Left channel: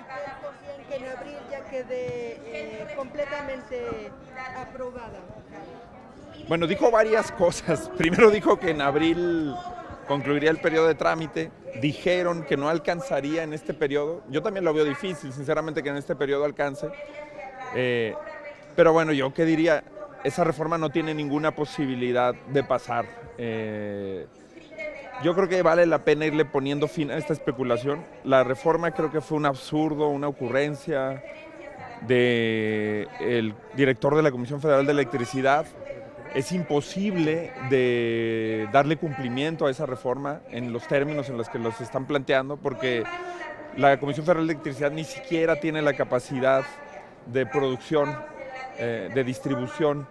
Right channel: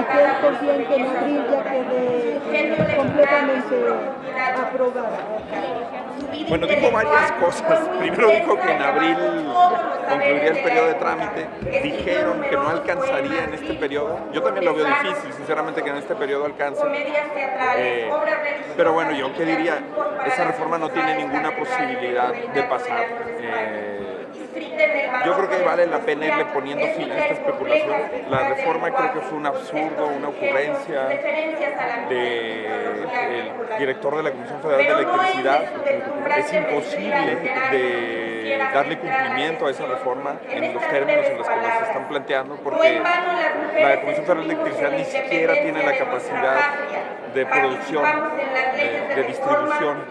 y que él confía en que en abril ya quede completamente aprobada. Bueno, dijo varias cosas. Primero dijo que en abril concluiría el periodo de trámite. Dijeron que no alcanzaría en este periodo. Yo también lo veo difícil, sinceramente, que en este periodo alcance. Pero bueno, yo qué diría, esa reforma no tiene ninguna posibilidad de pasar. Yo creo que vale la pena irle poniendo fin a esta especulación. La reforma creo que fue un absurdo, una ocurrencia del director de la Comisión Federal de Electricidad. Es imposible de darle cumplimiento a esa reforma en los términos en los que los están planteando, porque la Comisión Federal de Electricidad ni siquiera tiene la capacidad de producción, de distribución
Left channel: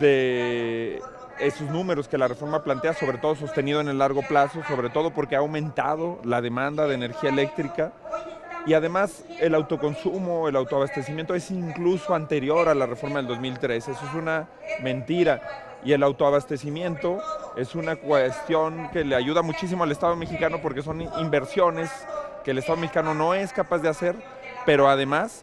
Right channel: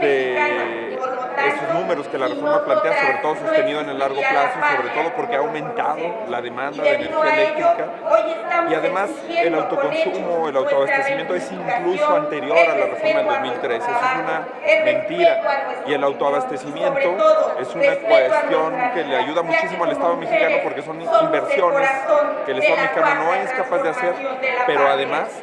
de esos números que la reforma plantea, sobre todo sostenido en el largo plazo, sobre todo porque ha aumentado la demanda de energía eléctrica y además el autoconsumo, el autoabastecimiento es incluso anterior a la reforma del 2013. Eso es una mentira. Y el autoabastecimiento es una cuestión que le ayuda muchísimo al Estado mexicano porque son inversiones que el Estado mexicano no es capaz de hacer, pero además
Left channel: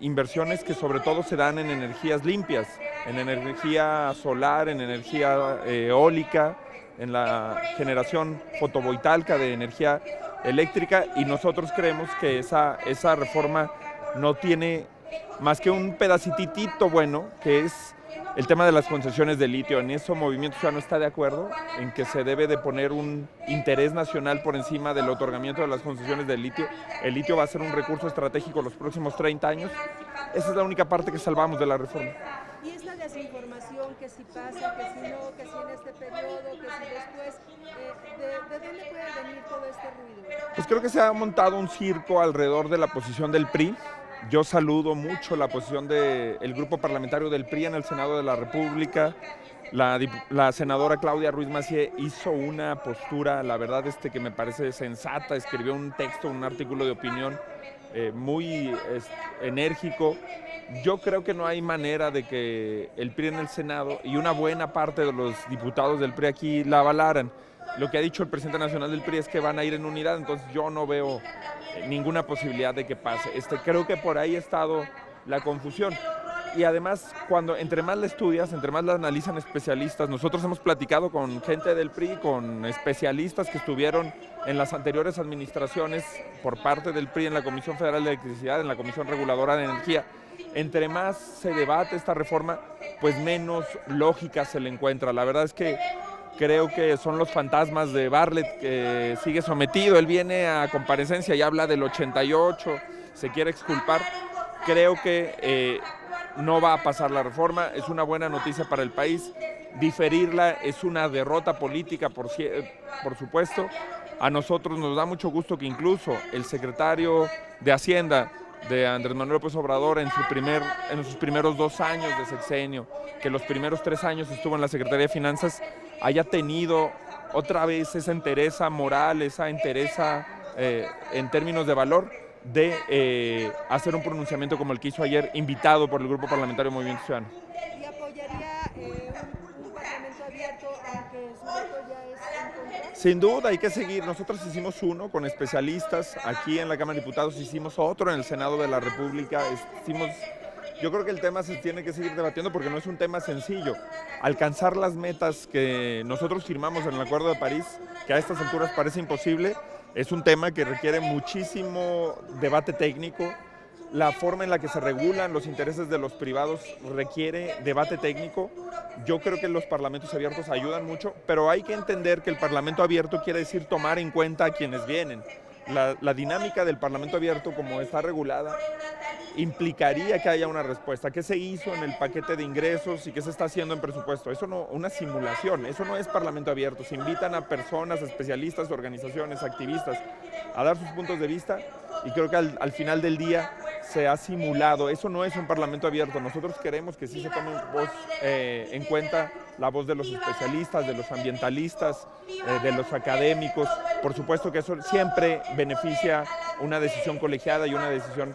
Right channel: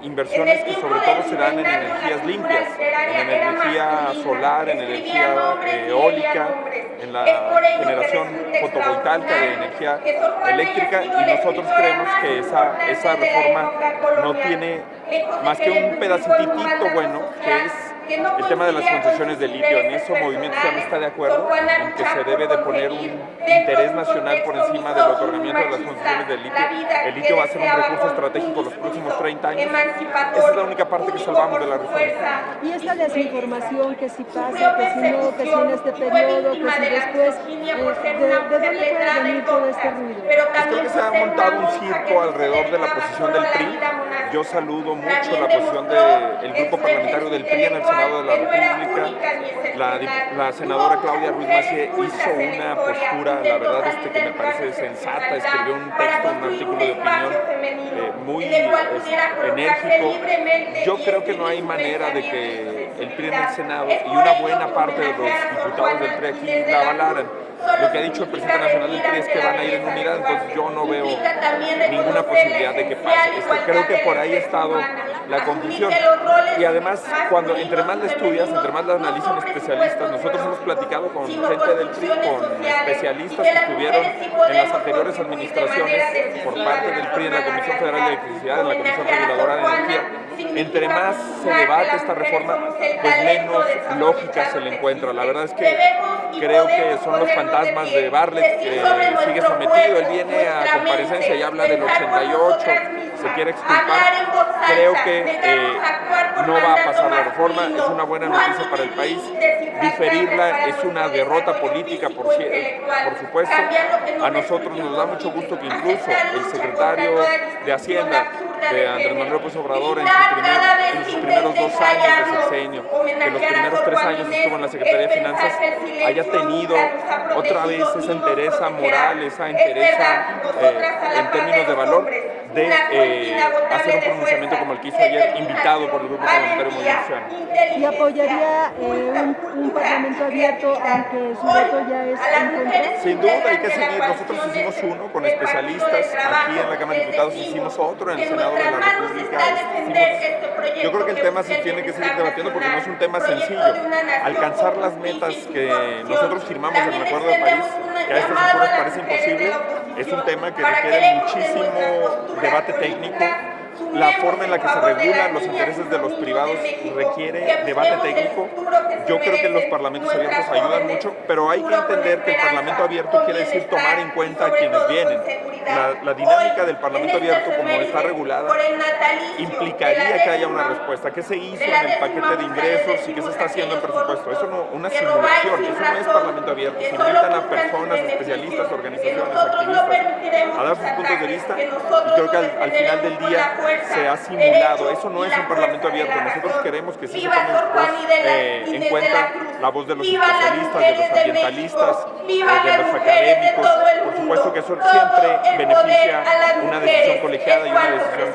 inversiones que sobre todo se dan en energías limpias, en energía solar, en energía eólica, en la generación fotovoltaica de energía eléctrica, y nosotros creemos que esa reforma no tiene más que un pedacitito bueno, que es el tema de las concesiones de litio. En eso Movimiento Ciudadano está de acuerdo, en que se debe de poner un interés nacional por encima del otorgamiento de las concesiones de litio. El litio va a ser un recurso estratégico los próximos 30 años. Esa es la única parte que salvamos de la reforma. Y esta desinformación que si pasa, que si no, que si en este periodo, que si después, ¿de dónde puede venir todo este ruido? Pues creo que se ha montado un circo alrededor de la posición del PRI. Yo saludo mucho la posición del grupo parlamentario del PRI en el Senado de la República. La senadora Claudia Ruiz Massieu hizo una postura, la verdad, que me parece sensata. Escribió un texto, un artículo de opinión muy enérgico. Yo creo que no hay manera de que el PRI en el Senado y una buena parte de los diputados del PRI aquí la avalaran. Lo que ha dicho el presidente nacional del PRI es que van a ir en unidad, entonces yo no veo ninguna posibilidad de que pase. Creo que por ahí ha estado la confusión. Y además, entre más la estudias, entre más la analizan especialistas, nosotros hemos platicado con gente del PRI, con especialistas que estuvieron en las anteriores administraciones por parte del PRI en la Comisión Federal de Electricidad, en la Comisión Reguladora de Energía. Entre más se debate esta reforma, pues menos lógica se le encuentra. La verdad es que creo que son los fantasmas de Bartlett que sigue sometido. Él viene a comparecencia y habla del 88, se quiere exculpar. Creo que no va a pasar la reforma, es una buena noticia para el país. Diferirla es una derrota política, por supuesto. A nosotros nos da mucho gusto que incluso el secretario de Hacienda de Andrés Manuel López Obrador en sus primeros 2 años de sexenio, que los primeros 3 años estuvo en la Secretaría de Finanzas, haya tenido otra vez esa entereza moral, esa entereza en términos de valor, de hacer un pronunciamiento como el que hizo ayer, invitado por el Grupo Parlamentario Movimiento Ciudadano. ¿Y apoyaría un parlamento abierto aunque su voto ya es en contra? Sin duda, hay que seguir. Nosotros hicimos uno con especialistas, aquí en la Cámara de Diputados hicimos otro en el Senado de la República. Yo creo que el tema se tiene que seguir debatiendo porque no es un tema sencillo. Alcanzar las metas que nosotros firmamos en el Acuerdo de París, que a estas alturas parece imposible, es un tema que requiere muchísimo debate técnico. La forma en la que se regulan los intereses de los privados requiere debate técnico. Yo creo que los parlamentos abiertos ayudan mucho, pero hay que entender que el parlamento abierto quiere decir tomar en cuenta a quienes vienen. La dinámica del parlamento abierto, como está regulada, implicaría que haya una respuesta. ¿Qué se hizo en el paquete de ingresos y qué se está haciendo en presupuesto? Eso no, una simulación, eso no es parlamento abierto. Se invitan a personas, especialistas, organizaciones, activistas a dar sus puntos de vista y creo que al final del día se ha simulado. Eso no es un parlamento abierto. Nosotros queremos que sí se tome en cuenta la voz de los especialistas, de los ambientalistas, de los académicos. Por supuesto que eso siempre beneficia una decisión colegiada y una decisión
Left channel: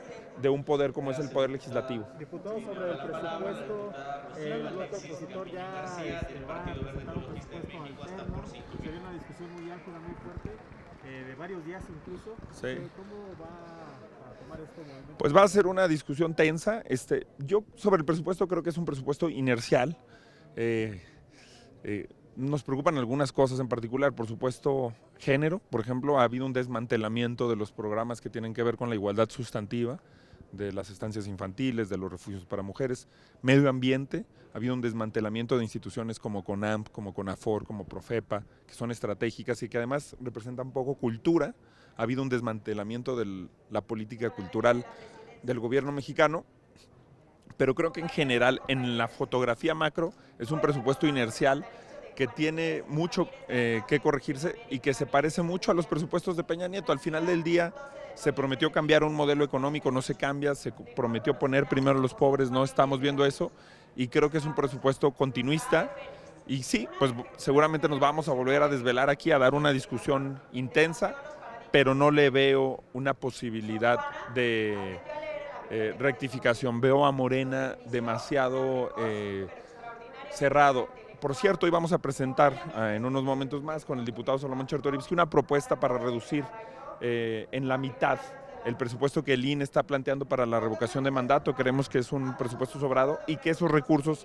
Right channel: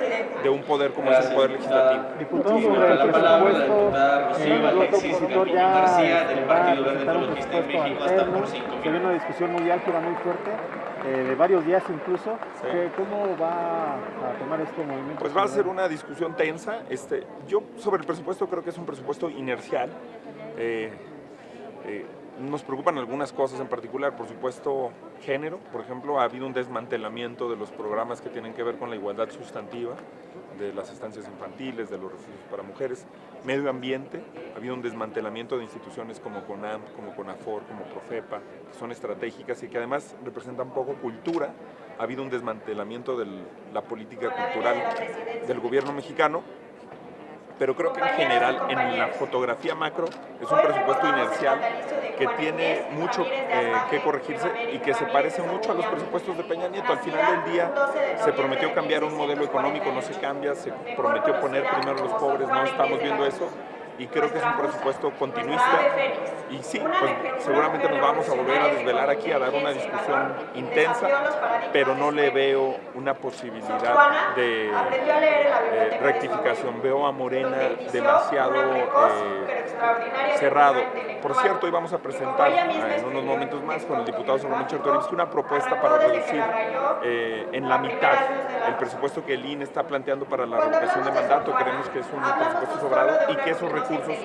de un poder como es el Poder Legislativo. Diputado, sobre el presupuesto, el bloque opositor ya va a presentar un presupuesto alterno. Se ve una discusión muy álgida, muy fuerte. de varios días incluso. Sí. ¿Cómo va a tomar este movimiento? Pues va a ser una discusión tensa. Yo sobre el presupuesto creo que es un presupuesto inercial. Nos preocupan algunas cosas en particular, por supuesto, género. Por ejemplo, ha habido un desmantelamiento de los programas que tienen que ver con la igualdad sustantiva, de las estancias infantiles, de los refugios para mujeres. Medio ambiente, ha habido un desmantelamiento de instituciones como CONAMP, como CONAFOR, como Profepa, que son estratégicas y que además representan poco cultura. Ha habido un desmantelamiento de la política cultural del gobierno mexicano, pero creo que en general, en la fotografía macro, es un presupuesto inercial que tiene mucho que corregirse y que se parece mucho a los presupuestos de Peña Nieto. Al final del día se prometió cambiar un modelo económico, no se cambia, se prometió poner primero a los pobres, no estamos viendo eso, y creo que es un presupuesto continuista. Y sí, pues seguramente nos vamos a volver a desvelar aquí, a dar una discusión intensa, pero no le veo una posibilidad de rectificación. Veo a Morena demasiado cerrado. Por cierto, hoy vamos a presentar en unos momentos más con el diputado Salomón Chertorivsky una propuesta para reducir en la mitad el presupuesto que el INE está planteando para la revocación de mandato. Creemos que es un presupuesto sobrado y que esos recursos,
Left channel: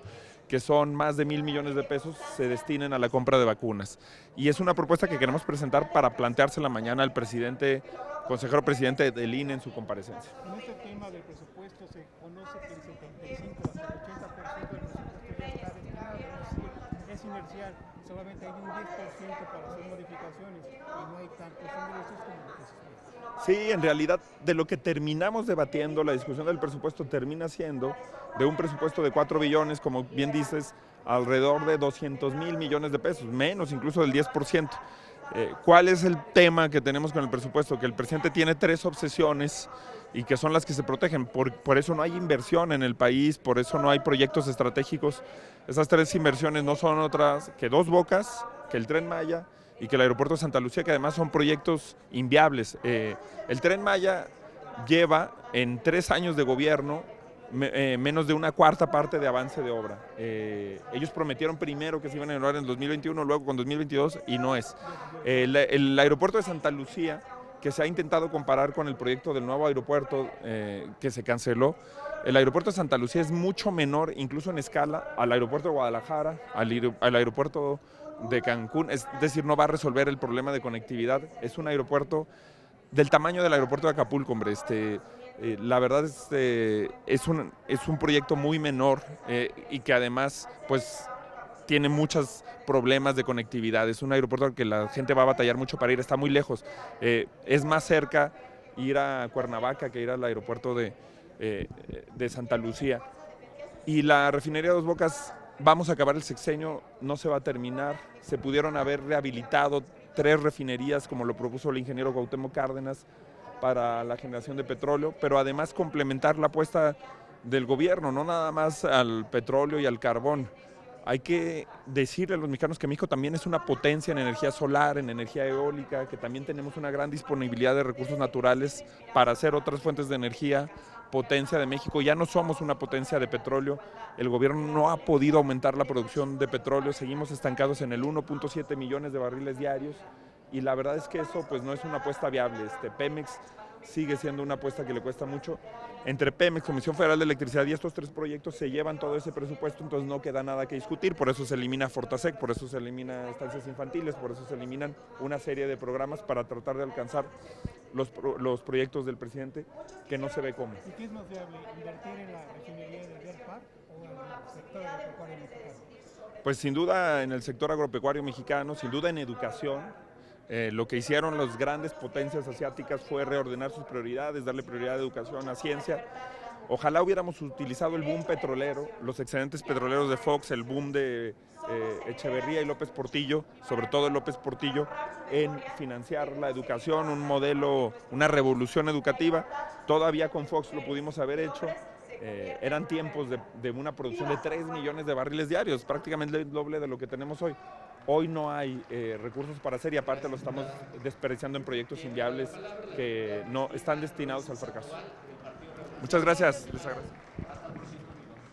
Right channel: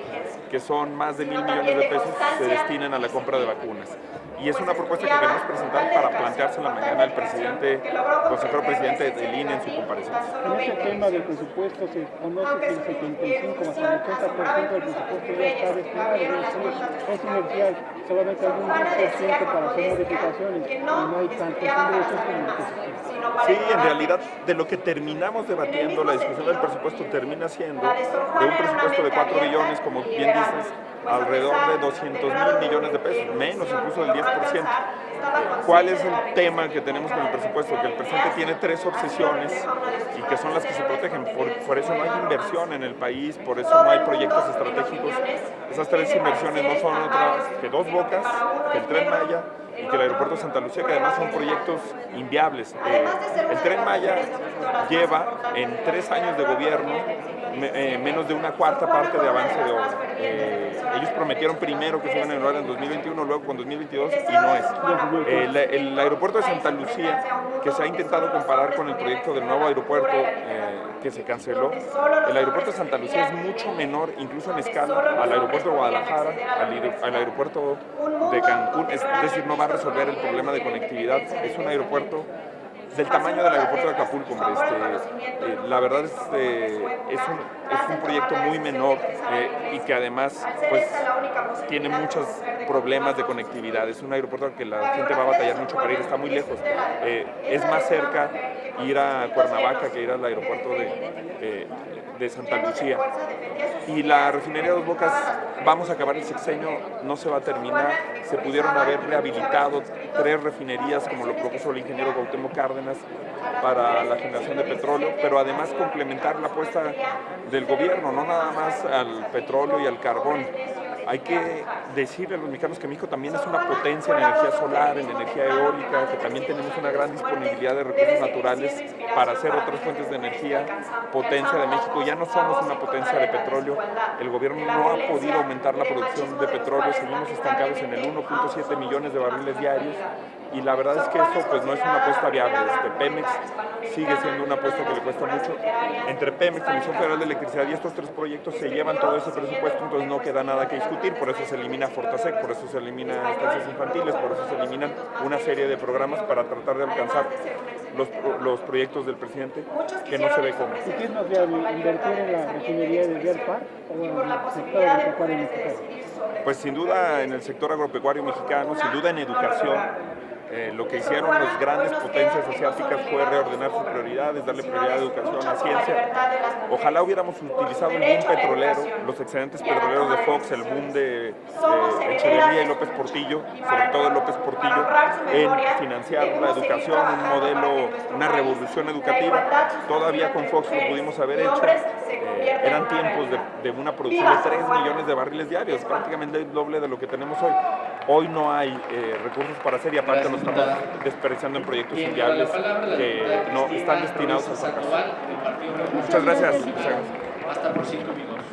que son más de 1,000 millones de pesos, se destinen a la compra de vacunas. Y es una propuesta que queremos presentar para planteársela mañana al consejero presidente del INE en su comparecencia. En este tema del presupuesto se conoce que el 75 más el 80% del presupuesto ya está destinado, es inercial, solamente hay un 10% para hacer modificaciones y no hay tantos ingresos como lo que se espera. Sí, en realidad de lo que terminamos debatiendo, la discusión del presupuesto termina siendo de un presupuesto de 4 billones, como bien dices, alrededor de 200,000 millones de pesos, menos incluso del 10%. ¿Cuál es el tema que tenemos con el presupuesto? Que el presidente tiene 3 obsesiones y que son las que se protegen. Por eso no hay inversión en el país, por eso no hay proyectos estratégicos. Esas 3 inversiones no son otras que Dos Bocas, que el Tren Maya y que el aeropuerto de Santa Lucía, que además son proyectos inviables. El Tren Maya lleva en 3 años de gobierno menos de una cuarta parte de avance de obra. Ellos prometieron primero que se iban a inaugurar en 2021, luego con 2022 y no es. El aeropuerto de Santa Lucía, que se ha intentado comparar con el proyecto del nuevo aeropuerto que se canceló, el aeropuerto de Santa Lucía es mucho menor, incluso en escala, al aeropuerto de Guadalajara, al aeropuerto de Cancún, es decir, no va a resolver el problema de conectividad. Es un aeropuerto del tamaño del aeropuerto de Acapulco, hombre. La verdad es un proyecto muy menor y que además pues tiene muchos problemas de conectividad. Es un aeropuerto que la gente va a batallar mucho para ir, está muy lejos. Es más cerca ir a Cuernavaca que ir al aeropuerto de Santa Lucía. Y la refinería Dos Bocas, vamos a acabar el sexenio, no se va a terminar. Se pudieron haber rehabilitado 3 refinerías, como lo propuso el ingeniero Cuauhtémoc Cárdenas, para la generación de petróleo, pero además complementar la apuesta del gobierno, no nada más al petróleo y al carbón. Hay que decirle a los mexicanos que México también es una potencia en energía solar, en energía eólica, que también tenemos una gran disponibilidad de recursos naturales para hacer otras fuentes de energía. Potencia de México, ya no somos una potencia de petróleo. El gobierno no ha podido aumentar la producción de petróleo, seguimos estancados en el 1.7 millones de barriles diarios. Y la verdad es que eso pues no es una apuesta viable. Pemex sigue siendo una apuesta que le cuesta mucho. Entre Pemex, Comisión Federal de Electricidad y estos 3 proyectos se llevan todo ese presupuesto, entonces no queda nada que discutir. Por eso se elimina Fortasec, por eso se elimina estancias infantiles, por eso se eliminan una serie de programas para tratar de alcanzar los proyectos del presidente, que no se ve cómo. ¿Y qué es más viable, invertir en la refinería de Deer Park o en el sector agropecuario mexicano? Pues sin duda en el sector agropecuario mexicano, sin duda en educación. Lo que hicieron las grandes potencias asiáticas fue reordenar sus prioridades, darle prioridad a educación, a ciencia. Ojalá hubiéramos utilizado el boom petrolero, los excedentes petroleros de Fox, el boom de Echeverría y López Portillo, sobre todo López Portillo, en financiar la educación, un modelo, una revolución educativa. Todavía con Fox lo pudimos haber hecho. Eran tiempos de una producción de 3 millones de barriles diarios, prácticamente el doble de lo que tenemos hoy. Hoy no hay recursos para hacer y aparte lo estamos desperdiciando en proyectos inviables que no están destinados al fracaso. Muchas gracias. Basta por 5 minutos.